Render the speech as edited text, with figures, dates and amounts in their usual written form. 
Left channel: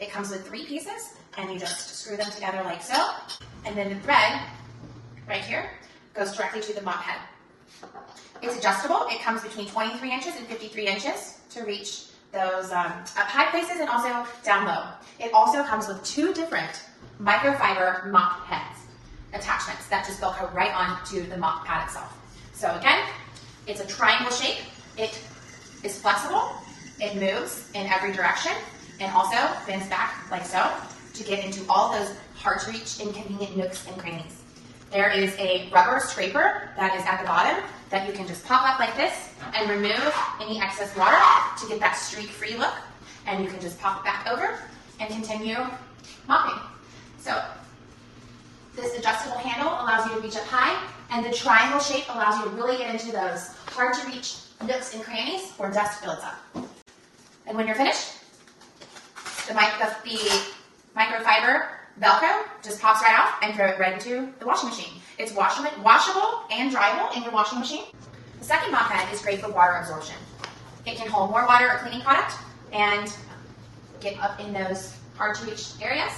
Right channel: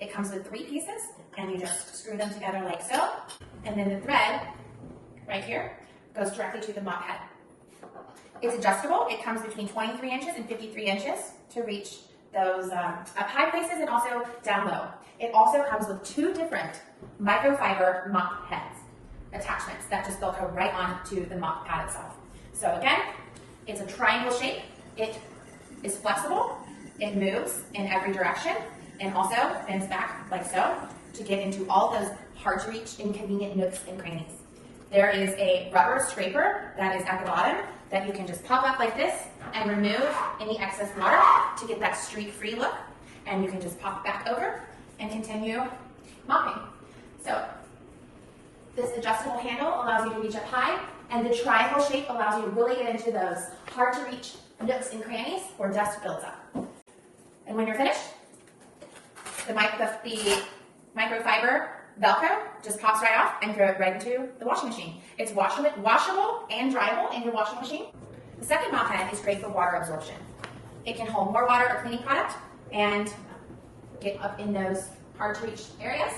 It comes with 3 pieces, and you just screw them together like so. And then the thread, right here, goes directly to the mop head. It's adjustable. It comes between 23 inches and 53 inches to reach those up high places and also down low. It also comes with 2 different microfiber mop heads attachments that just velcro right onto the mop pad itself. So again, it's a triangle shape. It is flexible. It moves in every direction and also bends back like so to get into all those hard to reach, inconvenient nooks and crannies. There is a rubber scraper that is at the bottom that you can just pop up like this and remove any excess water to get that streak-free look. And you can just pop it back over and continue mopping. So this adjustable handle allows you to reach up high, and the triangle shape allows you to really get into those hard to reach nooks and crannies where dust builds up. And when you're finished, the microfiber Velcro just pops right off and throw it right into the washing machine. It's washable and dryable in your washing machine. The second mop head is great for water absorption. It can hold more water or cleaning product and get up in those hard to reach areas